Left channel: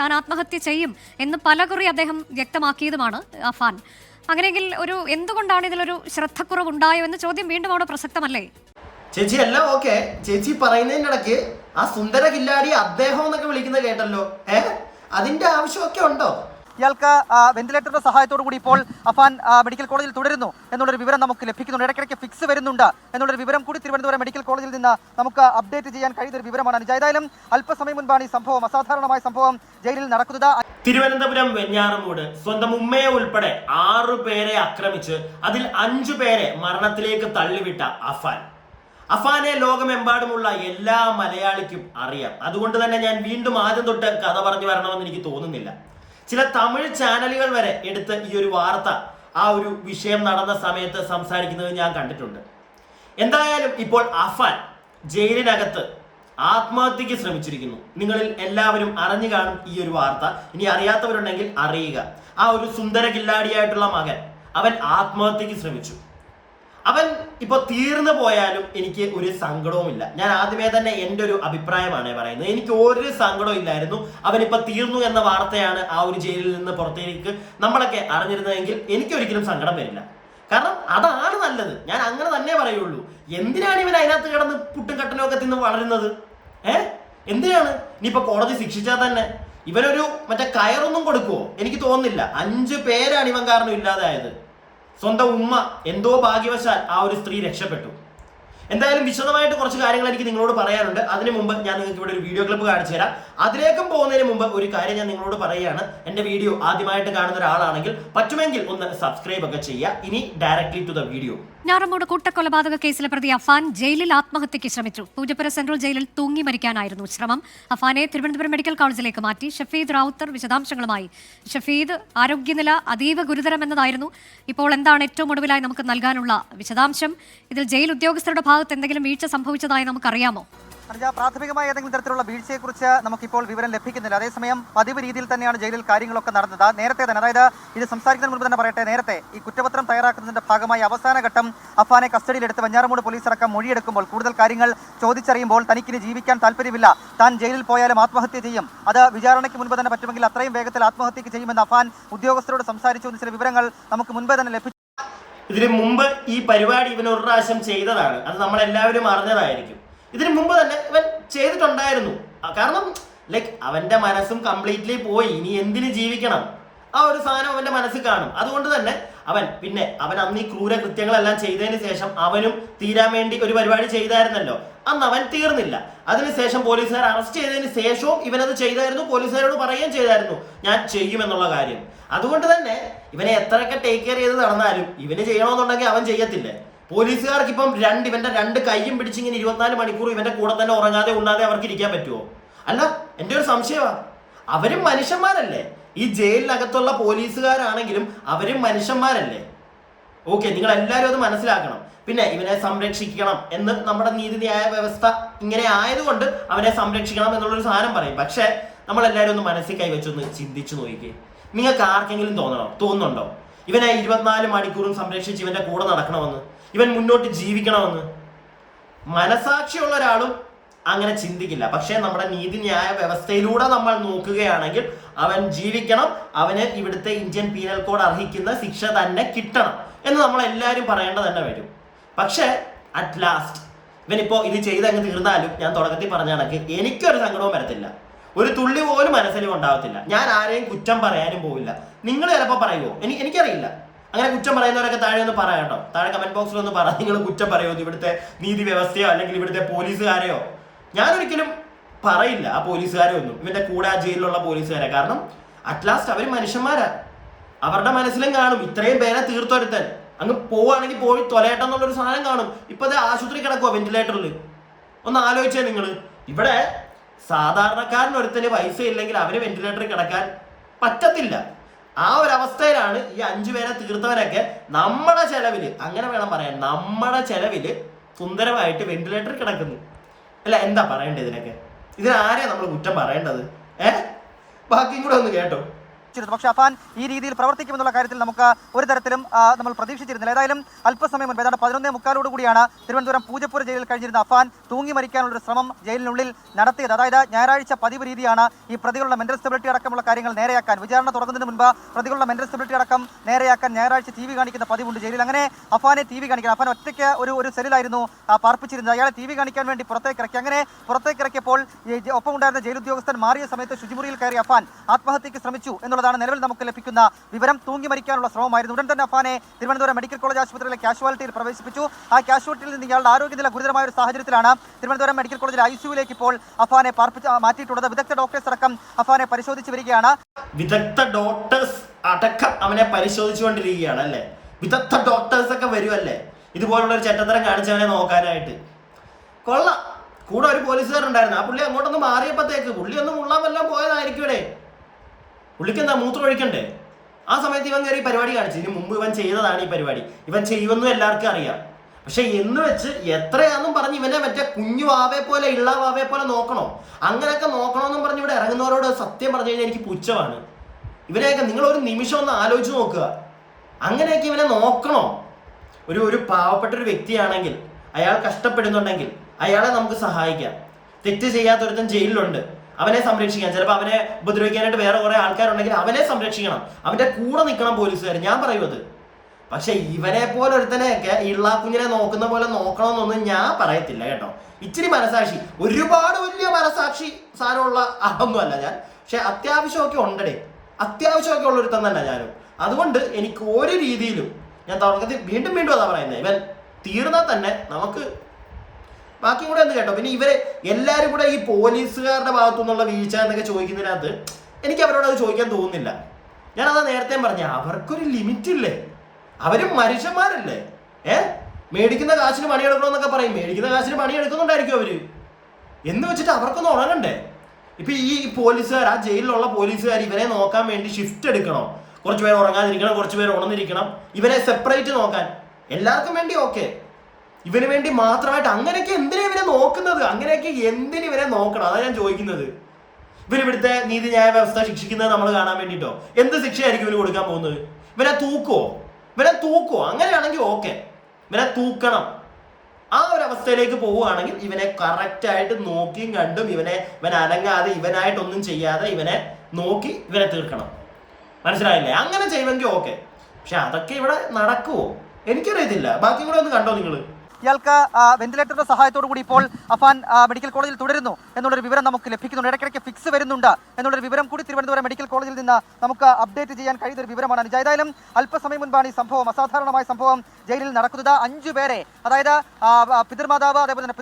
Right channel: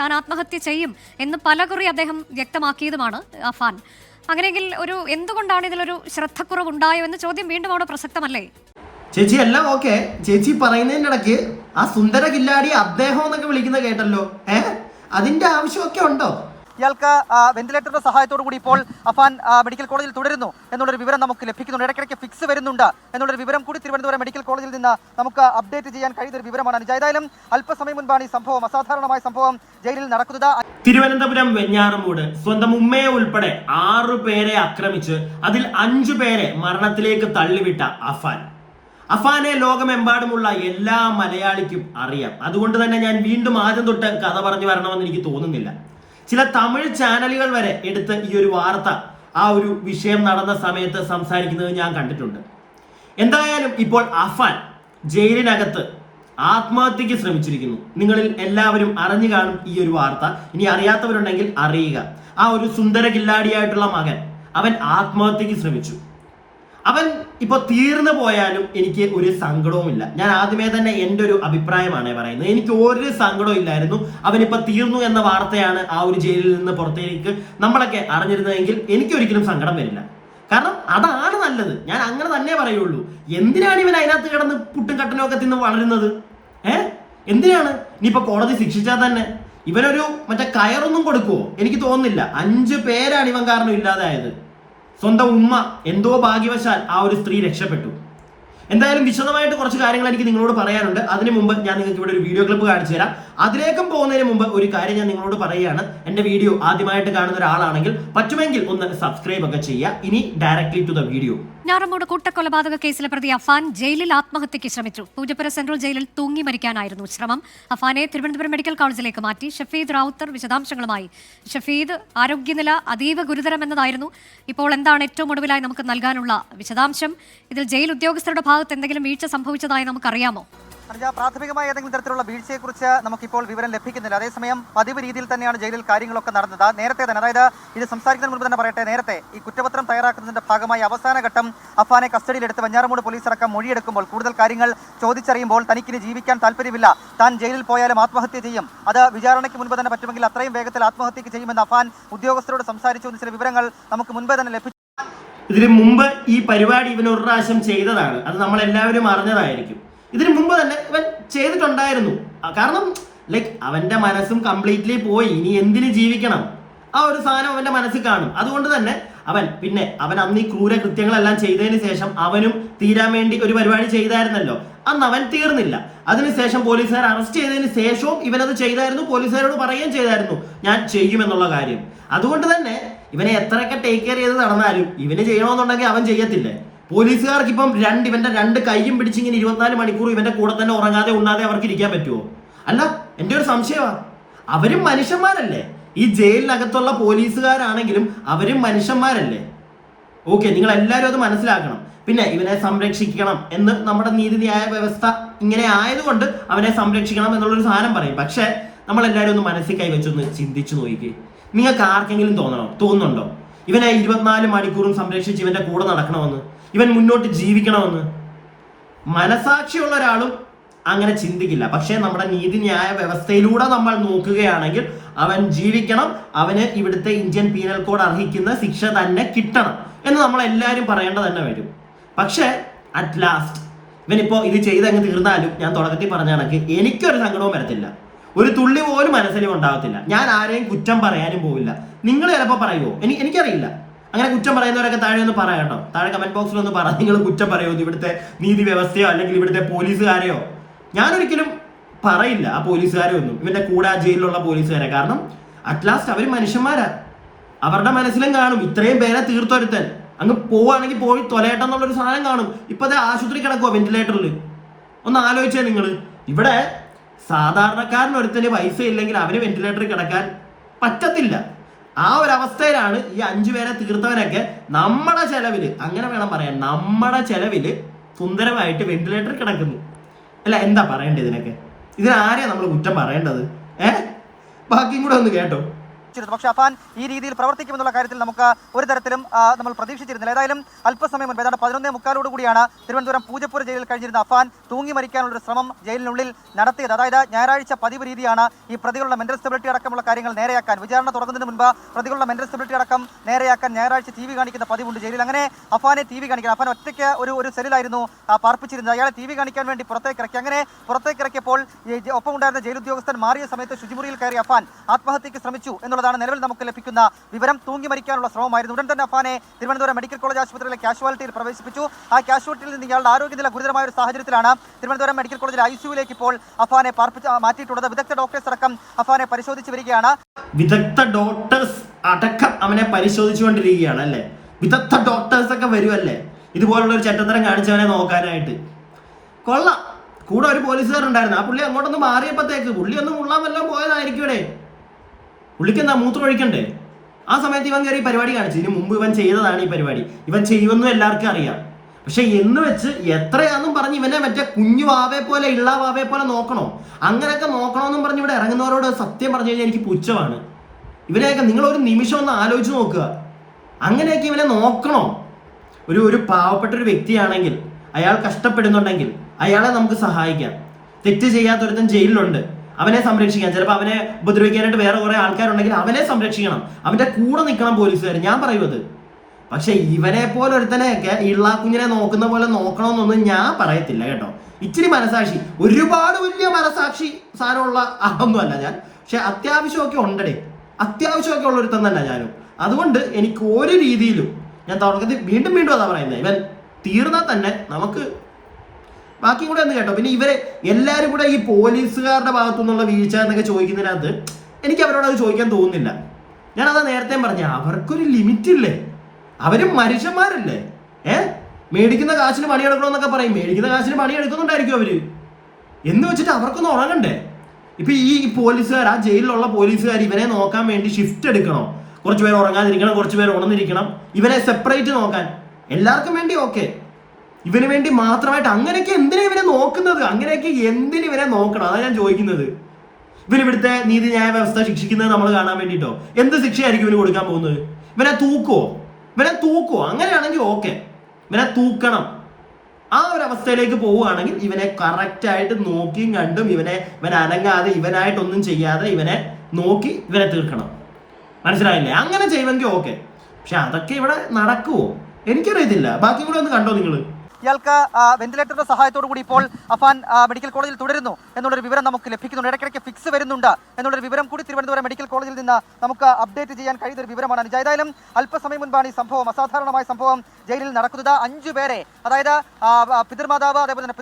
താൻ ആത്മഹത്യ ചെയ്യും എന്ന് പലകുറി അദ്ദേഹം വ്യക്തമാക്കിയതുമാണ് അഫാൻ. അങ്ങനെയെങ്കിൽ എന്തുകൊണ്ടാണ് ഇതിലൊരു ശ്രദ്ധക്കുറവുണ്ടായോ എന്ന ചോദ്യം വീണ്ടും അവിടെ പ്രസക്തമല്ലേ? ചേച്ചി എല്ലാം ഓക്കെ. ചേച്ചി പറയുന്നതിന്റെ ഇടയ്ക്ക് ആ സുന്ദര കില്ലാടി അദ്ദേഹം എന്നൊക്കെ വിളിക്കുന്നത് കേട്ടല്ലോ. അതിന്റെ ആവശ്യമൊക്കെ ഉണ്ടോ? ഇയാൾക്ക് വെന്റിലേറ്ററിന്റെ സഹായത്തോടു കൂടി ഇപ്പോൾ അഫാൻ മെഡിക്കൽ കോളേജിൽ തുടരുന്നു എന്നുള്ളൊരു വിവരം നമുക്ക് ലഭിക്കുന്നുണ്ട്. ഇടയ്ക്കിടയ്ക്ക് ഫിക്സ് വരുന്നുണ്ട് എന്നുള്ളൊരു വിവരം കൂടി തിരുവനന്തപുരം മെഡിക്കൽ കോളേജിൽ നിന്ന് നമുക്ക് അപ്ഡേറ്റ് ചെയ്യാൻ കഴിയുന്ന ഒരു വിവരമാണ്. ഏതായാലും അല്പസമയം മുൻപാണ് ഈ സംഭവം, അസാധാരണമായ സംഭവം ജയിലിൽ നടക്കുന്നത്. തിരുവനന്തപുരം വെഞ്ഞാറമൂട് സ്വന്തം ഉമ്മയെ ഉൾപ്പെടെ 6 പേരെ ആക്രമിച്ച് അതിൽ 5 പേരെ മരണത്തിലേക്ക് തള്ളിവിട്ട അഫാനെ ലോകമെമ്പാടുമുള്ള എല്ലാ മലയാളിക്കും അറിയാം. അതുകൊണ്ട് തന്നെ ഞാൻ വീണ്ടും ആദ്യം തൊട്ട് കഥ പറഞ്ഞു വരണമെന്ന് എനിക്ക് തോന്നുന്നില്ല. ചില തമിഴ് ചാനലുകൾ വരെ എടുത്ത് ഈ ഒരു വാർത്ത ആ ഒരു വിഷയം നടന്ന സമയത്ത് സംസാരിക്കുന്നത് ഞാൻ കണ്ടിട്ടുണ്ട്. എന്തായാലും ഇപ്പോൾ അഫാൻ ജയിലിനകത്ത് ആത്മഹത്യക്ക് ശ്രമിച്ചിരിക്കുന്നു. നിങ്ങളിൽ എല്ലാവരും അറിഞ്ഞു കാണും ഈ ഒരു വാർത്ത. ഇനി അറിയാത്തവരുണ്ടെങ്കിൽ അറിയുക. ആ ഒരു സുന്ദര കില്ലാടിയായിട്ടുള്ള മകൻ അവൻ ആത്മഹത്യക്ക് ശ്രമിച്ചു. അവൻ ഇപ്പൊ തീർന്നു പോയാലും എനിക്ക് ഒരു സങ്കടവുമില്ല. ഞാൻ ആദ്യമേ തന്നെ എൻ്റെ ഒരു അഭിപ്രായമാണ് പറയുന്നത്. എനിക്ക് ഒരു സങ്കടവും ഇല്ലായിരുന്നു. അവനിപ്പോ തീർന്നു എന്ന വാർത്തയാണ് ആ ഒരു ജയിലിൽ നിന്ന് പുറത്തേക്ക് നമ്മളൊക്കെ അറിഞ്ഞിരുന്നതെങ്കിൽ എനിക്കൊരിക്കലും സങ്കടം വരില്ല. കാരണം അതാണ് നല്ലത്. ഞാൻ അങ്ങനെ തന്നെ പറയുള്ളൂ. എന്തിനാണ് ഇവൻ അതിനകത്ത് കിടന്ന് പുട്ടും കട്ടനും ഒക്കെ തിന്ന് വളരുന്നത്? എന്തിനാണ്? ഇനിയിപ്പോ കോടതി ശിക്ഷിച്ചാൽ തന്നെ ഇവനൊരു മറ്റേ കയറൊന്നും കൊടുക്കുവോ? എനിക്ക് തോന്നുന്നില്ല. 5 പേരാണ് ഇവൻ കാരണം ഇല്ലാതായത്. സ്വന്തം ഉമ്മ എന്തോ ഭാഗ്യവശാൽ ആ ഒരു സ്ത്രീ രക്ഷപ്പെട്ടു. എന്തായാലും വിശദമായിട്ട് കുറച്ച് കാര്യങ്ങൾ എനിക്ക് നിങ്ങളോട് പറയാനുണ്ട്. അതിനു മുമ്പ് ഞാൻ നിങ്ങൾക്ക് ഇവിടെ ഒരു വീഡിയോ ക്ലിപ്പ് കാണിച്ചു തരാം. അതിലേക്കും പോകുന്നതിന് മുമ്പ് ഒരു കാര്യം ഞാൻ നിങ്ങളോട് പറയുകയാണ്. എൻ്റെ വീഡിയോ ആദ്യമായിട്ട് കാണുന്ന ഒരാളാണെങ്കിൽ പറ്റുമെങ്കിൽ ഒന്ന് സബ്സ്ക്രൈബ് ഒക്കെ ചെയ്യുക. ഇനി ഡയറക്ട്ലി ടു ദ വീഡിയോ. ഞാറമൂട് കൂട്ടക്കൊലപാതക കേസിലെ പ്രതി അഫാൻ ജയിലിൽ ആത്മഹത്യക്ക് ശ്രമിച്ചു. പൂജപ്പുര സെൻട്രൽ ജയിലിൽ തൂങ്ങി മരിക്കാനായിരുന്നു ശ്രമം. അഫാനെ തിരുവനന്തപുരം മെഡിക്കൽ കോളേജിലേക്ക് മാറ്റി. ഷഫീദ് റാവുത്തർ വിശദാംശങ്ങളുമായി. ഷഫീദ്, ആരോഗ്യനില അതീവ ഗുരുതരമെന്നതായിരുന്നു. ഇപ്പോൾ എന്താണ് ഏറ്റവും ഒടുവിലായി നമുക്ക് നൽകാനുള്ള വിശദാംശം? ഇതിൽ ജയിൽ ഉദ്യോഗസ്ഥരുടെ ഭാഗത്ത് എന്തെങ്കിലും വീഴ്ച സംഭവിച്ചതായി നമുക്കറിയാമോ? പ്രാഥമികമായ ഏതെങ്കിലും തരത്തിലുള്ള വീഴ്ചയെക്കുറിച്ച് നമുക്കിപ്പോൾ വിവരം ലഭിക്കുന്നില്ല. അതേസമയം പതിവ് രീതിയിൽ തന്നെയാണ് ജയിലിൽ കാര്യങ്ങളൊക്കെ നടന്നത്. നേരത്തെ തന്നെ, അതായത് ഇത് സംസാരിക്കുന്നതിന് മുൻപ് തന്നെ പറയട്ടെ, നേരത്തെ ഈ കുറ്റപത്രം തയ്യാറാക്കുന്നതിന്റെ ഭാഗമായി അവസാന ഘട്ടം അഫാനെ കസ്റ്റഡിയിലെടുത്ത് വെഞ്ഞാറമൂട് പോലീസ് അടക്കം മൊഴിയെടുക്കുമ്പോൾ കൂടുതൽ കാര്യങ്ങൾ ചോദിച്ചറിയുമ്പോൾ തനിക്കിനി ജീവിക്കാൻ താല്പര്യമില്ല, താൻ ജയിലിൽ പോയാലും ആത്മഹത്യ ചെയ്യും, അത് വിചാരണയ്ക്ക് മുൻപ് തന്നെ പറ്റുമെങ്കിൽ അത്രയും വേഗത്തിൽ ആത്മഹത്യക്ക് ചെയ്യുമെന്ന് അഫാൻ ഉദ്യോഗസ്ഥരോട് സംസാരിച്ചു എന്ന് ചില വിവരങ്ങൾ നമുക്ക് മുൻപേ തന്നെ ലഭിച്ചു. ഇതിന് മുമ്പ് ഈ പരിപാടി ഇവൻ ഒരു പ്രാവശ്യം ചെയ്തതാണ്. അത് നമ്മളെല്ലാവരും അറിഞ്ഞതായിരിക്കും. ഇതിനു മുമ്പ് തന്നെ ഇവൻ ചെയ്തിട്ടുണ്ടായിരുന്നു. കാരണം അവന്റെ മനസ്സും കംപ്ലീറ്റ്ലി പോയി. ഇനി എന്തിന് ജീവിക്കണം? ആ ഒരു സാധനം അവന്റെ മനസ്സിൽ കാണും. അതുകൊണ്ട് തന്നെ അവൻ അന്ന് ഈ ക്രൂരകൃത്യങ്ങളെല്ലാം ചെയ്തതിന് ശേഷം അവനും തീരാൻ വേണ്ടി ഒരു പരിപാടി ചെയ്തായിരുന്നല്ലോ. അന്ന് അവൻ തീർന്നില്ല. അതിനുശേഷം പോലീസുകാർ അറസ്റ്റ് ചെയ്തതിന് ശേഷവും ഇവനത് ചെയ്തായിരുന്നു. പോലീസുകാരോട് പറയുകയും ചെയ്തായിരുന്നു ഞാൻ ചെയ്യുമെന്നുള്ള കാര്യം. അതുകൊണ്ട് തന്നെ ഇവനെ എത്രയൊക്കെ ടേക്ക് കെയർ ചെയ്ത് നടന്നാലും ഇവന് ചെയ്യണമെന്നുണ്ടെങ്കിൽ അവൻ ചെയ്യത്തില്ലേ? പോലീസുകാർക്ക് ഇപ്പം ഇവന്റെ 2 കൈയും പിടിച്ചിങ്ങനെ 24 മണിക്കൂർ ഇവന്റെ കൂടെ തന്നെ ഉറങ്ങാതെ ഉണ്ണാതെ അവർക്ക് ഇരിക്കാൻ പറ്റുമോ? അല്ല, എൻ്റെ ഒരു സംശയമാണ്. അവരും മനുഷ്യന്മാരല്ലേ? ഈ ജയിലിനകത്തുള്ള പോലീസുകാരാണെങ്കിലും അവരും മനുഷ്യന്മാരല്ലേ? ഓക്കെ, നിങ്ങൾ എല്ലാവരും അത് മനസ്സിലാക്കണം. പിന്നെ ഇവനെ സംരക്ഷിക്കണം എന്ന് നമ്മുടെ നീതിന്യായ വ്യവസ്ഥ ഇങ്ങനെ ആയതുകൊണ്ട് അവനെ സംരക്ഷിക്കണം എന്നുള്ളൊരു സാധനം പറയും. പക്ഷെ നമ്മളെല്ലാവരും ഒന്ന് മനസ്സിൽ കൈവച്ചൊന്ന് ചിന്തിച്ചു നോക്കിക്കേ. നിങ്ങൾക്ക് ആർക്കെങ്കിലും തോന്നുന്നുണ്ടോ ഇവനെ 24 മണിക്കൂറും സംരക്ഷിച്ച് ഇവന്റെ കൂടെ നടക്കണമെന്ന്, ഇവൻ മുന്നോട്ട് ജീവിക്കണമെന്ന്? മനസാക്ഷിയുള്ള ഒരാളും അങ്ങനെ ചിന്തിക്കില്ല. പക്ഷേ നമ്മുടെ നീതിന്യായ വ്യവസ്ഥയിലൂടെ നമ്മൾ നോക്കുകയാണെങ്കിൽ അവൻ ജീവിക്കണം, അവന് ഇവിടുത്തെ ഇന്ത്യൻ പീനൽ കോഡ് അർഹിക്കുന്ന ശിക്ഷ തന്നെ കിട്ടണം എന്ന് നമ്മളെല്ലാവരും പറയേണ്ടത് തന്നെ വരും. പക്ഷേ അറ്റ് ലാസ്റ്റ് ഇവനിപ്പോൾ ഇത് ചെയ്തങ്ങ് തീർന്നാലും ഞാൻ തുടക്കത്തിൽ പറഞ്ഞ കണക്ക് എനിക്കൊരു സങ്കടവും വരത്തില്ല. ഒരു തുള്ളി പോലും മനസ്സിലും ഉണ്ടാവത്തില്ല. ഞാൻ ആരെയും കുറ്റം പറയാനും പോവില്ല. നിങ്ങൾ ചിലപ്പോൾ പറയുമോ? എനിക്കറിയില്ല. അങ്ങനെ കുറ്റം പറയുന്നവരൊക്കെ താഴെ ഒന്ന് പറയാം കേട്ടോ. താഴെ കമന്റ് ബോക്സിൽ ഒന്ന് പറ, നിങ്ങൾ കുറ്റം പറയുമോ ഇവിടുത്തെ നീതി വ്യവസ്ഥയോ അല്ലെങ്കിൽ ഇവിടുത്തെ പോലീസുകാരെയോ? ഞാനൊരിക്കലും പറയില്ല ആ പോലീസുകാരെ ഒന്നും, ഇവന്റെ കൂടെ ആ ജയിലിലുള്ള പോലീസുകാരെ. കാരണം അറ്റ്ലാസ്റ്റ് അവർ മനുഷ്യന്മാരാ. അവരുടെ മനസ്സിലും കാണും ഇത്രയും പേരെ തീർത്തൊരുത്തൻ അങ്ങ് പോവുകയാണെങ്കിൽ പോയി തൊലയട്ടെന്നുള്ളൊരു സാധനം കാണും. ഇപ്പൊ ആശുപത്രി കിടക്കുവോ വെന്റിലേറ്ററിൽ? ഒന്ന് ആലോചിച്ചേ നിങ്ങൾ. ഇവിടെ സാധാരണക്കാരനൊരുത്തന് പൈസ ഇല്ലെങ്കിൽ അവന് വെന്റിലേറ്ററിൽ കിടക്കാൻ പറ്റത്തില്ല. ആ ഒരു അവസ്ഥയിലാണ് ഈ 5 പേരെ തീർത്തവനൊക്കെ നമ്മുടെ ചെലവില്, അങ്ങനെ വേണം പറയാൻ, നമ്മുടെ ചെലവില് സുന്ദരമായിട്ട് വെന്റിലേറ്ററിൽ കിടക്കുന്നു. അല്ല, എന്താ പറയേണ്ടത് ഇതിനൊക്കെ? ഇതിനാരെയാ നമ്മൾ കുറ്റം പറയേണ്ടത്? ബാക്കിയും കൂടെ ഒന്ന് കേട്ടോ. അറിയിച്ചിരുന്നു. പക്ഷേ അഫാൻ ഈ രീതിയിൽ പ്രവർത്തിക്കുമെന്നുള്ള കാര്യത്തിൽ നമുക്ക് ഒരു തരത്തിലും നമ്മൾ പ്രതീക്ഷിച്ചിരുന്നില്ല. ഏതായാലും അല്പസമയം മുൻപ് ഏതാണ്ട് 11:45 കൂടിയാണ് തിരുവനന്തപുരം പൂജപ്പുര ജയിലിൽ കഴിഞ്ഞിരുന്ന അഫാൻ തൂങ്ങി മരിക്കാനുള്ള ശ്രമം ജയിലിനുള്ളിൽ നടത്തിയത്. അതായത് ഞായറാഴ്ച പതിവ് രീതിയാണ് ഈ പ്രതികളുടെ മെന്റൽ സ്റ്റെബിലിറ്റി അടക്കമുള്ള കാര്യങ്ങൾ നേരെയാക്കാൻ, വിചാരണ തുടങ്ങുന്നതിന് മുൻപ് പ്രതികളുടെ മെന്റൽ സ്റ്റെബിലിറ്റി അടക്കം നേരെയാക്കാൻ ഞായറാഴ്ച TV കാണിക്കുന്ന പതിവുണ്ട് ജയിലിൽ. അങ്ങനെ അഫാനെ TV കാണിക്കാൻ, അഫാൻ ഒറ്റയ്ക്ക് ഒരു സെല്ലിലായിരുന്നു പാർപ്പിച്ചിരുന്നത്. അയാളെ TV കാണിക്കാൻ വേണ്ടി പുറത്തേക്ക് ഇറക്കി. അങ്ങനെ പുറത്തേക്ക് ഇറക്കിയപ്പോൾ ഒപ്പം ഉണ്ടായിരുന്ന ജയിൽ ഉദ്യോഗസ്ഥൻ മാറിയ സമയത്ത് ശുചിമുറിയിൽ കയറി അഫാൻ ആത്മഹത്യക്ക് ശ്രമിച്ചു എന്നുള്ളതാണ് നിലവിൽ നമുക്ക് ലഭിക്കുന്ന വിവരം. തൂങ്ങി മരിക്കാനുള്ള ശ്രമമായിരുന്നു. ഉടൻ തന്നെ അഫാനെ തിരുവനന്തപുരം മെഡിക്കൽ കോളേജ് ആശുപത്രിയിലെ കാഷ്വാലിറ്റിയിൽ പ്രവേശിപ്പിച്ചു. ആ കാഷ്വാലിറ്റിയിൽ നിന്ന് ഇയാളുടെ ആരോഗ്യനില ഗുരുതരമായ ഒരു സാഹചര്യത്തിലാണ് തിരുവനന്തപുരം മെഡിക്കൽ കോളേജിലെ ICUവിലേക്ക് ഇപ്പോൾ അഫാനെ മാറ്റിയിട്ടുള്ളത്. വിദഗ്ധ ഡോക്ടേഴ്സ് അടക്കം അഫാനെ പരിശോധിച്ച് വരികയാണ്. വിദഗ്ധ ഡോക്ടേഴ്സ് അടക്കം അവനെ പരിശോധിച്ചുകൊണ്ടിരിക്കുകയാണ് അല്ലേ? വിദഗ്ധ ഡോക്ടേഴ്സ് ഒക്കെ വരുമല്ലേ ഇതുപോലുള്ള ഒരു ചെറ്റത്തരം കാണിച്ചവനെ നോക്കാനായിട്ട്? കൊള്ളാം. കൂടെ ഒരു പോലീസുകാരുണ്ടായിരുന്നു. ആ പുള്ളി അങ്ങോട്ടൊന്ന് മാറിയപ്പോഴത്തേക്ക് പുള്ളി ഒന്ന് മുള്ളാൻ വല്ലതും പോയതായിരിക്കൂടെ? പുള്ളിക്ക് എന്താ മൂത്രം ഒഴിക്കണ്ടേ? ആ സമയത്ത് ഇവൻ കയറി പരിപാടി കാണിച്ചു. ഇതിന് മുമ്പ് ഇവൻ ചെയ്തതാണ് ഈ പരിപാടി. ഇവൻ ചെയ്യുമെന്നും എല്ലാവർക്കും അറിയാം. പക്ഷെ എന്ന് വെച്ച് എത്രയാന്നും പറഞ്ഞ് ഇവനെ മറ്റേ കുഞ്ഞു വാവയെ പോലെ ഇള്ള വാവയെ പോലെ നോക്കണോ? അങ്ങനെയൊക്കെ നോക്കണമെന്നും പറഞ്ഞ് ഇവിടെ ഇറങ്ങുന്നവരോട് സത്യം പറഞ്ഞു കഴിഞ്ഞാൽ എനിക്ക് പുച്ഛമാണ്. ഇവനെയൊക്കെ നിങ്ങൾ ഒരു നിമിഷം ഒന്ന് ആലോചിച്ച് നോക്കുക. അങ്ങനെയൊക്കെ ഇവനെ നോക്കണോ? ഒരു പാവപ്പെട്ട ഒരു വ്യക്തിയാണെങ്കിൽ, അയാൾ കഷ്ടപ്പെടുന്നുണ്ടെങ്കിൽ അയാളെ നമുക്ക് സഹായിക്കാം. തെറ്റ് ചെയ്യാത്തൊരുത്തൻ ജയിലിലുണ്ട്, അവനെ സംരക്ഷിക്കാം. ചിലപ്പോൾ അവനെ ഉപദ്രവിക്കാനായിട്ട് വേറെ കുറെ ആൾക്കാരുണ്ടെങ്കിൽ അവനെ സംരക്ഷിക്കണം, അവന്റെ കൂടെ നിൽക്കണം പോലീസുകാർ. ഞാൻ പറയുന്നത്. പക്ഷെ ഇവനെ പോലെ ഒരുത്തനെയൊക്കെ ഇള്ള കുഞ്ഞിനെ നോക്കുന്ന പോലെ നോക്കണമെന്നൊന്നും ഞാൻ പറയത്തില്ല കേട്ടോ. ഇച്ചിരി മനസാക്ഷി, ഒരുപാട് വലിയ മനസാക്ഷി സാധനമുള്ള ആളൊന്നും അല്ല ഞാൻ. പക്ഷെ അത്യാവശ്യമൊക്കെ ഉണ്ടടേ, അത്യാവശ്യമൊക്കെ ഉള്ള ഒരുത്തൻ തന്നെ ഞാനും. അതുകൊണ്ട് എനിക്ക് ഒരു രീതിയിലും ഞാൻ തുടക്കത്തിൽ വീണ്ടും അതാ പറയുന്നത്, ഇവൻ തീർന്നാൽ തന്നെ നമുക്ക് ബാക്കിയും കൂടെ ഒന്ന് കേട്ടോ. പിന്നെ ഇവരെ എല്ലാവരും കൂടെ ഈ പോലീസുകാരുടെ ഭാഗത്തു നിന്നുള്ള വീഴ്ച എന്നൊക്കെ ചോദിക്കുന്നതിനകത്ത് എനിക്ക് അവരോട് അത് ചോദിക്കാൻ തോന്നുന്നില്ല. ഞാനതാ നേരത്തെ പറഞ്ഞ, അവർക്കൊരു ലിമിറ്റ് ഇല്ലേ? അവരും മനുഷ്യന്മാരല്ലേ? മേടിക്കുന്ന കാശിന് പണിയെടുക്കണമെന്നൊക്കെ പറയും. മേടിക്കുന്ന കാശിന് പണിയെടുക്കുന്നുണ്ടായിരിക്കും അവര്. എന്ന് വെച്ചിട്ട് അവർക്കൊന്നും ഉറങ്ങണ്ടേ? ഇപ്പൊ ഈ പോലീസുകാർ, ആ ജയിലിലുള്ള പോലീസുകാർ ഇവനെ നോക്കാൻ വേണ്ടി ഷിഫ്റ്റ് എടുക്കണോ? കുറച്ച് പേര് ഉറങ്ങാതിരിക്കണം, കുറച്ച് പേര് ഉണർന്നിരിക്കണം, ഇവനെ സെപ്പറേറ്റ് നോക്കാൻ. എല്ലാവർക്കും വേണ്ടി ഓക്കെ, ഇവന് വേണ്ടി മാത്രമായിട്ട് അങ്ങനെയൊക്കെ എന്തിനാ ഇവനെ നോക്കുന്നത്? അങ്ങനെയൊക്കെ എന്തിന് ഇവനെ നോക്കണം? അതാണ് ഞാൻ ചോദിക്കുന്നത്. ഇവനിവിടുത്തെ നീതിന്യായ വ്യവസ്ഥ ശിക്ഷിക്കുന്നത് നമ്മൾ കാണാൻ വേണ്ടിയിട്ടോ? എന്ത് ശിക്ഷയായിരിക്കും ഇവന് കൊടുക്കാൻ പോകുന്നത്? ഇവനെ തൂക്കോ? അങ്ങനെയാണെങ്കിൽ ഓക്കെ, ഇവനെ തൂക്കണം. ആ ഒരു അവസ്ഥയിലേക്ക് പോവുകയാണെങ്കിൽ ഇവനെ കറക്റ്റായിട്ട് നോക്കിയും കണ്ടും ഇവൻ അനങ്ങാതെ, ഇവനായിട്ടൊന്നും ചെയ്യാതെ ഇവനെ നോക്കി ഇവനെ തീർക്കണം. മനസ്സിലായില്ലേ? അങ്ങനെ ചെയ്യുമെങ്കിൽ ഓക്കെ. പക്ഷെ അതൊക്കെ ഇവിടെ നടക്കുവോ എനിക്കറിയത്തില്ല. ബാക്കി കൂടെ ഒന്ന് കണ്ടോ നിങ്ങൾ? ഇയാൾക്ക് വെന്റിലേറ്ററിന്റെ സഹായത്തോടു കൂടി ഇപ്പോൾ അഫാൻ മെഡിക്കൽ കോളേജിൽ തുടരുന്നു എന്നുള്ളൊരു വിവരം നമുക്ക് ലഭിക്കുന്നുണ്ട്. ഇടയ്ക്കിടയ്ക്ക് ഫിക്സ് വരുന്നുണ്ട് എന്നുള്ളൊരു വിവരം കൂടി തിരുവനന്തപുരം മെഡിക്കൽ കോളേജിൽ നിന്ന് നമുക്ക് അപ്ഡേറ്റ് ചെയ്യാൻ കഴിയുന്ന ഒരു വിവരമാണ്. ഏതായാലും അല്പസമയം മുൻപാണ് ഈ സംഭവം, അസാധാരണമായ സംഭവം ജയിലിൽ നടക്കുന്നത്. 5 പേരെ, അതായത് പിതൃമാതാവ്, അതേപോലെ തന്നെ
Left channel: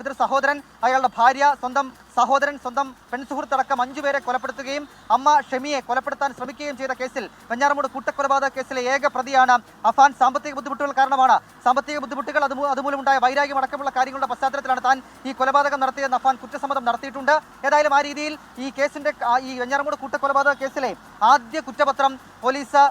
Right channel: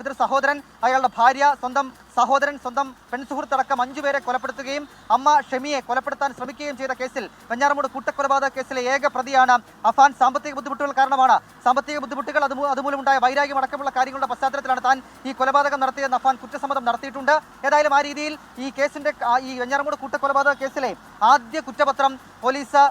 പിതൃ സഹോദരൻ, അയാളുടെ ഭാര്യ, സ്വന്തം സഹോദരൻ, സ്വന്തം പെൺസുഹൃത്തടക്കം 5 പേരെ കൊലപ്പെടുത്തുകയും അമ്മ ഷെമിയെ കൊലപ്പെടുത്താൻ ശ്രമിക്കുകയും ചെയ്ത കേസിൽ, വെഞ്ഞാറമൂട് കൂട്ടക്കൊലപാതക കേസിലെ ഏക പ്രതിയാണ് അഫാൻ. സാമ്പത്തിക ബുദ്ധിമുട്ടുകൾ കാരണമാണ്, സാമ്പത്തിക ബുദ്ധിമുട്ടുകൾ അതുമൂലമുണ്ടായ വൈരാഗ്യം അടക്കമുള്ള കാര്യങ്ങളുടെ പശ്ചാത്തലത്തിലാണ് താൻ ഈ കൊലപാതകം നടത്തിയെന്ന് അഫാൻ കുറ്റസമ്മതം നടത്തിയിട്ടുണ്ട്. ഏതായാലും ആ രീതിയിൽ ഈ കേസിന്റെ, ഈ വെഞ്ഞാറമൂട് കൂട്ടക്കൊലപാതക കേസിലെ ആദ്യ കുറ്റപത്രം പോലീസ്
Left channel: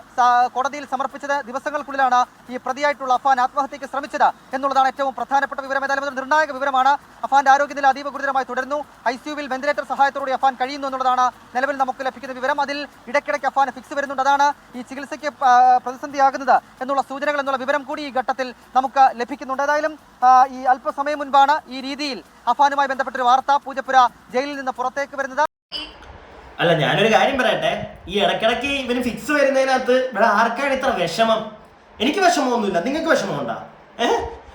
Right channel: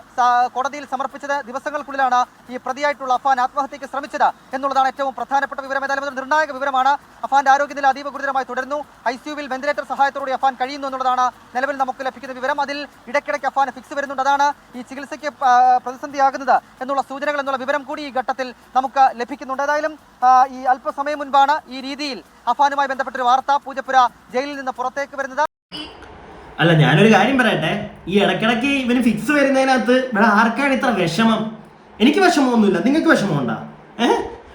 കോടതിയിൽ സമർപ്പിച്ചത് ദിവസങ്ങൾക്കുള്ളിലാണ് ഈ പ്രതിയായിട്ടുള്ള അഫാൻ ആത്മഹത്യക്ക് ശ്രമിച്ചത് എന്നുള്ളതാണ് ഏറ്റവും പ്രധാനപ്പെട്ട വിവരം. ഏതായാലും നിർണായക വിവരമാണ്. അഫാന്റെ ആരോഗ്യനില അതീവ ഗുരുതരമായി തുടരുന്നു. ICUവിൽ വെന്റിലേറ്റർ സഹായത്തോടെ അഫാൻ കഴിയുന്നു എന്നുള്ളതാണ് നിലവിൽ നമുക്ക് ലഭിക്കുന്ന വിവരം. അതിൽ ഇടയ്ക്കിടയ്ക്ക് അഫാന് ഫിക്സ് വരുന്നുണ്ട്. അതാണ് ഈ ചികിത്സയ്ക്ക് പ്രതിസന്ധിയാകുന്നത് എന്നുള്ള സൂചനകൾ, എന്നുള്ള വിവരം കൂടി ഈ ഘട്ടത്തിൽ നമുക്ക് ലഭിക്കുന്നുണ്ട്. ഏതായാലും ഈ അല്പസമയം മുൻപാണ് ഈ രീതിയിൽ അഫാനുമായി ബന്ധപ്പെട്ടൊരു വാർത്ത പൂജപ്പുര ജയിലിൽ നിന്ന് പുറത്തേക്ക് വരുന്നത്. അല്ല, ഞാനൊരു കാര്യം പറയട്ടെ. ഈ ഇടയ്ക്കിടയ്ക്ക് ഇവന് ഫിക്സ് വരുന്നതിനകത്ത് ഇവിടെ ആർക്കാണ് ഇത്ര വിഷമം? എനിക്ക് വിഷമമൊന്നുമില്ല. നിങ്ങൾക്ക് വിഷമമുണ്ടോ?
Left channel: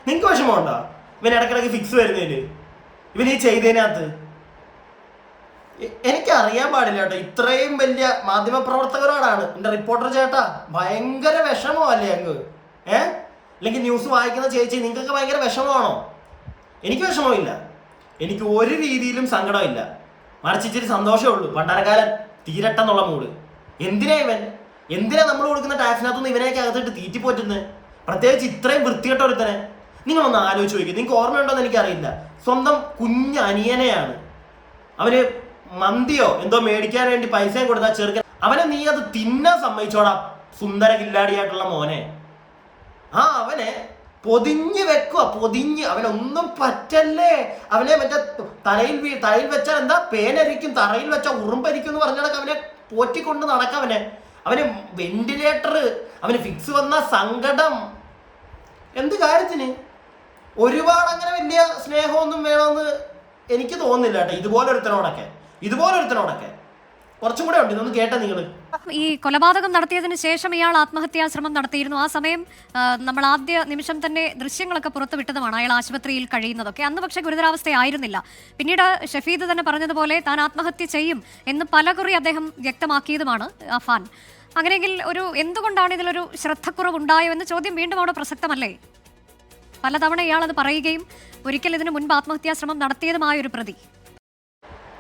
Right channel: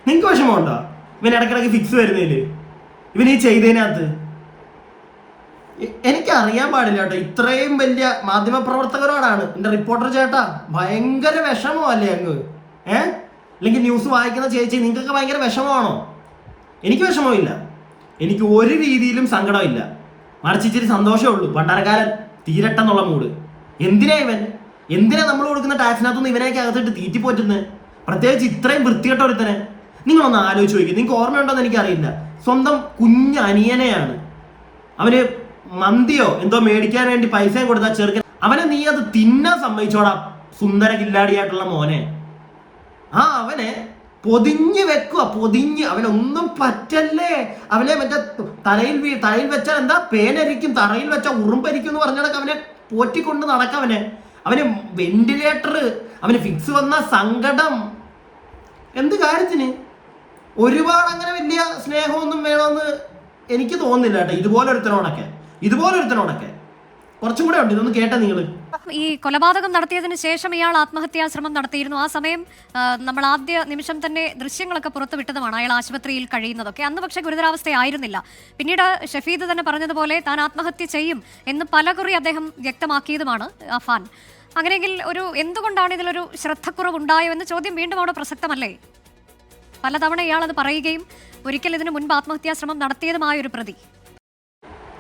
നിങ്ങൾക്ക് വിഷമമുണ്ടോ ഇവൻ ഇടയ്ക്കിടയ്ക്ക് ഫിക്സ് വരുന്നതില്, ഇവൻ ഈ ചെയ്തതിനകത്ത്? എനിക്കറിയാൻ പാടില്ല കേട്ടോ. ഇത്രയും വലിയ മാധ്യമപ്രവർത്തകരോടാണ് എൻ്റെ റിപ്പോർട്ടർ ചേട്ടാ ഭയങ്കര വിഷമമല്ലേ അങ്ങ്? അല്ലെങ്കിൽ ന്യൂസ് വായിക്കുന്ന ചേച്ചി, നിങ്ങൾക്കൊക്കെ ഭയങ്കര വിഷമമാണോ? എനിക്ക് വിഷമമില്ല. എനിക്ക് ഒരു രീതിയിലും സങ്കടമില്ല. മറിച്ച് ഇച്ചിരി സന്തോഷമേ ഉള്ളൂ. പട്ടാരക്കാരൻ തീരട്ടെന്നുള്ള മൂഡ്. എന്തിനാ നമ്മൾ കൊടുക്കുന്ന ടാക്സിനകത്തുനിന്ന് ഇവനെയൊക്കെ അകത്തിട്ട് തീറ്റിപ്പോറ്റുന്നത്? പ്രത്യേകിച്ച് ഇത്രയും വൃത്തികെട്ട ഒരുത്തനെ. നിങ്ങളൊന്ന് ആലോചിച്ച് നോക്കി. നിങ്ങൾക്ക് ഓർമ്മയുണ്ടോന്ന് എനിക്കറിയില്ല. സ്വന്തം കുഞ്ഞനിയനെയാണ് അവന് മന്തിയോ എന്തോ മേടിക്കാൻ വേണ്ടി പൈസയും കൊടുത്താൽ ചെറുക്കൻ, അവനെ നീ അത് തിന്നാൻ സമ്മതിച്ചോടാ സുന്ദര കില്ലാടിയായിട്ടുള്ള മോനെ. അവനെ പൊതിഞ്ഞ് വെക്കുക, പൊതിഞ്ഞ്. അവനൊന്നും പറ്റല്ലേ, അവനെ മറ്റേ തലയിൽ വെച്ചാൽ എന്താ പേനരിക്കും, തറയിൽ വെച്ചാൽ ഉറുമ്പരിക്കും എന്ന് പറഞ്ഞാൽ അവനെ പോറ്റിക്കൊണ്ട് നടക്കവനെ. അവന് വെന്റിലേറ്റർ, അവന് ഫിക്സ് വന്ന സങ്കടം, എന്ത് കാര്യത്തിന്? ഒരുപാട് അങ്ങനെ വലിയ സ്നേഹമൊന്നും വേണമെന്ന് എനിക്ക് തോന്നുന്നില്ല കേട്ടോ. ഇതുപോലൊരുത്തനോടൊക്കെ കുറച്ചും കൂടെ ഉണ്ട്. ഇതൊന്ന് കേട്ടാ നിങ്ങൾ. ഈ കൊലപാതകം നടത്തിയതിന് ശേഷം ഇയാൾ ആത്മഹത്യാ ശ്രമം നടത്തിയിരുന്നു. ആ സമയം നമ്മൾ ആദ്യ നിമിഷം തന്നെ ദൃശ്യങ്ങളൊക്കെ പുറത്തുവിട്ടതുമാണ്, അയാൾ ആശുപത്രിയിൽ കഴിയുന്നതൊക്കെ. അന്ന് പക്ഷേ ഗുരുതരാവസ്ഥയായിരുന്നില്ല. പിന്നീട് ഷഫീദ് തന്നെ പറഞ്ഞതുപോലെ താൻ ആത്മഹത്യ ചെയ്യും എന്ന് പലകുറി അദ്ദേഹം വ്യക്തമാക്കിയതുമാണ് അഫാൻ. അങ്ങനെയെങ്കിൽ എന്തുകൊണ്ടാണ് ഇതിലൊരു ശ്രദ്ധക്കുറവുണ്ടായോ എന്ന ചോദ്യം വീണ്ടും അവിടെ പ്രസക്തമല്ലേ? പലതവണ ഇയാൾ അത് പറയുകയും ഒരിക്കൽ ഇതിനു മുൻപ് ആത്മഹത്യാ ശ്രമം നടത്തിയതുമായ ഒരു പ്രതി.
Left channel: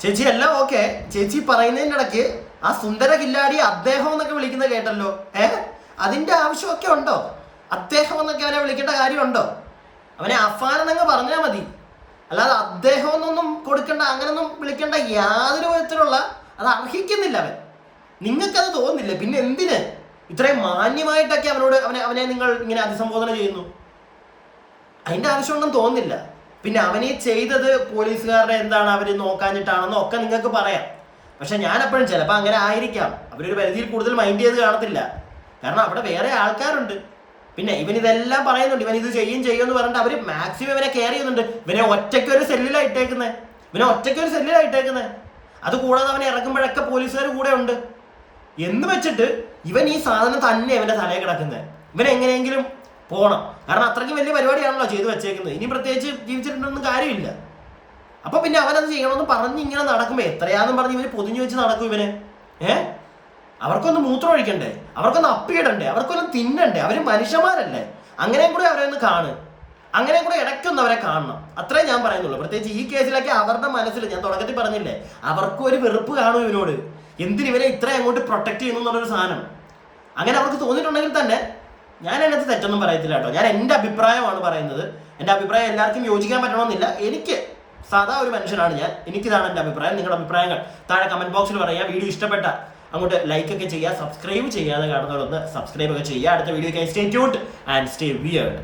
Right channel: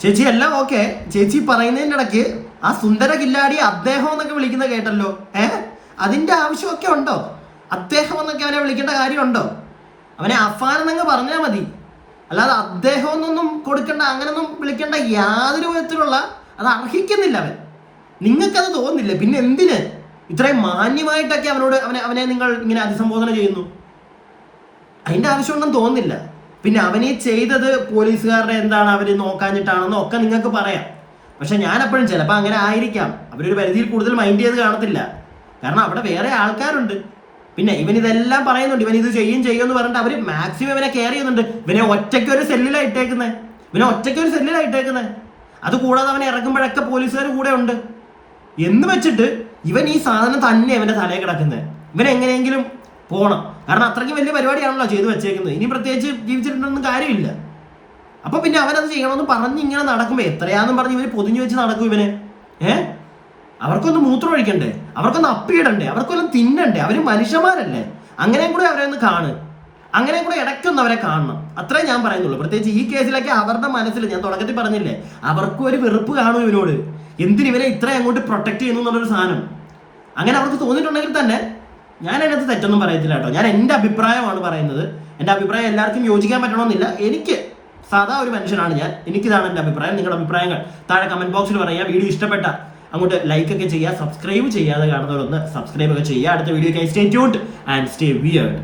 ചേച്ചി എല്ലാം ഓക്കെ, ചേച്ചി പറയുന്നതിൻ്റെ ഇടയ്ക്ക് ആ സുന്ദര കില്ലാടി അദ്ദേഹം എന്നൊക്കെ വിളിക്കുന്നത് കേട്ടല്ലോ. അതിന്റെ ആവശ്യമൊക്കെ ഉണ്ടോ? അദ്ദേഹം എന്നൊക്കെ അവനെ വിളിക്കേണ്ട കാര്യമുണ്ടോ? അവനെ അഫാൻ എന്നങ്ങ് പറഞ്ഞാൽ മതി, അല്ലാതെ അദ്ദേഹം എന്നൊന്നും കൊടുക്കേണ്ട, അങ്ങനൊന്നും വിളിക്കേണ്ട യാതൊരു വിധത്തിലുള്ള അത് അർഹിക്കുന്നില്ല അവൻ. നിങ്ങൾക്കത് തോന്നുന്നില്ല? പിന്നെ എന്തിന് ഇത്രയും മാന്യമായിട്ടൊക്കെ അവനെ നിങ്ങൾ ഇങ്ങനെ അഭിസംബോധന ചെയ്യുന്നു? അതിന്റെ ആവശ്യമുണ്ടെന്ന് തോന്നുന്നില്ല. പിന്നെ അവനീ ചെയ്തത് പോലീസുകാരുടെ എന്താണ് അവര് നോക്കാഞ്ഞിട്ടാണെന്നോ ഒക്കെ നിങ്ങൾക്ക് പറയാം. പക്ഷെ ഞാൻ എപ്പോഴും ചിലപ്പോൾ അങ്ങനെ ആയിരിക്കാം, അവരൊരു പരിധിയിൽ കൂടുതൽ മൈൻഡ് ചെയ്ത് കാണത്തില്ല. കാരണം അവിടെ വേറെ ആൾക്കാരുണ്ട്. പിന്നെ ഇവൻ ഇതെല്ലാം പറയുന്നുണ്ട്, ഇവൻ ഇത് ചെയ്യുമെന്ന് പറഞ്ഞിട്ട് അവർ മാക്സിമം ഇവനെ കെയർ ചെയ്യുന്നുണ്ട്. ഇവനെ ഒറ്റയ്ക്കൊരു സെല്ലിലാണ് ഇട്ടേക്കുന്നത്. അതുകൂടാതെ അവനെ ഇറക്കുമ്പോഴൊക്കെ പോലീസുകാർ കൂടെ ഉണ്ട് എന്ന് വെച്ചിട്ട് ഇവൻ ഈ സാധനം തന്നെ ഇവന്റെ തലയിൽ കിടക്കുന്നത്. ഇവൻ എങ്ങനെയെങ്കിലും പോകണം, കാരണം അത്രയ്ക്ക് വലിയ പരിപാടിയാണല്ലോ ചെയ്തു വെച്ചേക്കുന്നത്. ഇനി പ്രത്യേകിച്ച് ജീവിച്ചിട്ടുണ്ടൊന്നും കാര്യമില്ല. അപ്പൊ പിന്നെ അവനത് ചെയ്യണമെന്ന് പറഞ്ഞ് ഇങ്ങനെ നടക്കുമ്പോ എത്രയാന്നും പറഞ്ഞ് ഇവന് പൊതിഞ്ഞു വെച്ച് നടക്കും ഇവന്. അവർക്കൊന്ന് മൂത്രം ഒഴിക്കണ്ടേ, അവർക്കൊന്ന് അപ്പിയിടണ്ടേ, അവർക്കൊന്നും തിന്നണ്ടേ? അവര് മനുഷ്യന്മാരല്ലേ? അങ്ങനെയും കൂടെ അവരെ ഒന്ന് അങ്ങനെയും കൂടെ ഇടയ്ക്കൊന്ന് അവരെ കാണണം, അത്രേ ഞാൻ പറയുന്നുള്ളൂ. പ്രത്യേകിച്ച് ഈ കേസിലൊക്കെ അവരുടെ മനസ്സിൽ, ഞാൻ തുടക്കത്തിൽ പറഞ്ഞില്ലേ, അവർക്കും ഒരു വെറുപ്പ് കാണും ഇവനോട്. എന്തിന് ഇവരെ ഇത്രയും അങ്ങോട്ട് പ്രൊട്ടക്ട് ചെയ്യുന്നു എന്നുള്ളൊരു സാധനം അങ്ങനെ അവർക്ക് തോന്നിയിട്ടുണ്ടെങ്കിൽ തന്നെ ഞാൻ അതിനകത്ത് തെറ്റൊന്നും പറയത്തില്ല കേട്ടോ. ഞാൻ എൻ്റെ അഭിപ്രായമാണ് പറയുന്നത്. എൻ്റെ അഭിപ്രായം എല്ലാവർക്കും യോജിക്കാൻ പറ്റണമെന്നില്ല. എനിക്ക് സാധാ ഒരു മനുഷ്യനാണ് ഞാൻ, എനിക്കിതാണ് എൻ്റെ അഭിപ്രായം. നിങ്ങളുടെ അഭിപ്രായങ്ങൾ താഴെ കമന്റ് ബോക്സിൽ പറയുക. വീഡിയോ ഇഷ്ടപ്പെട്ട അങ്ങോട്ട് ലൈക്ക് ഒക്കെ ചെയ്യുക, സബ്സ്ക്രൈബ് ചെയ്യാതെ കാണുന്നവരൊന്ന് സബ്സ്ക്രൈബ് ഒക്കെ ചെയ്യുക. അടുത്ത വീഡിയോയ്ക്കായി stay tuned and stay weird.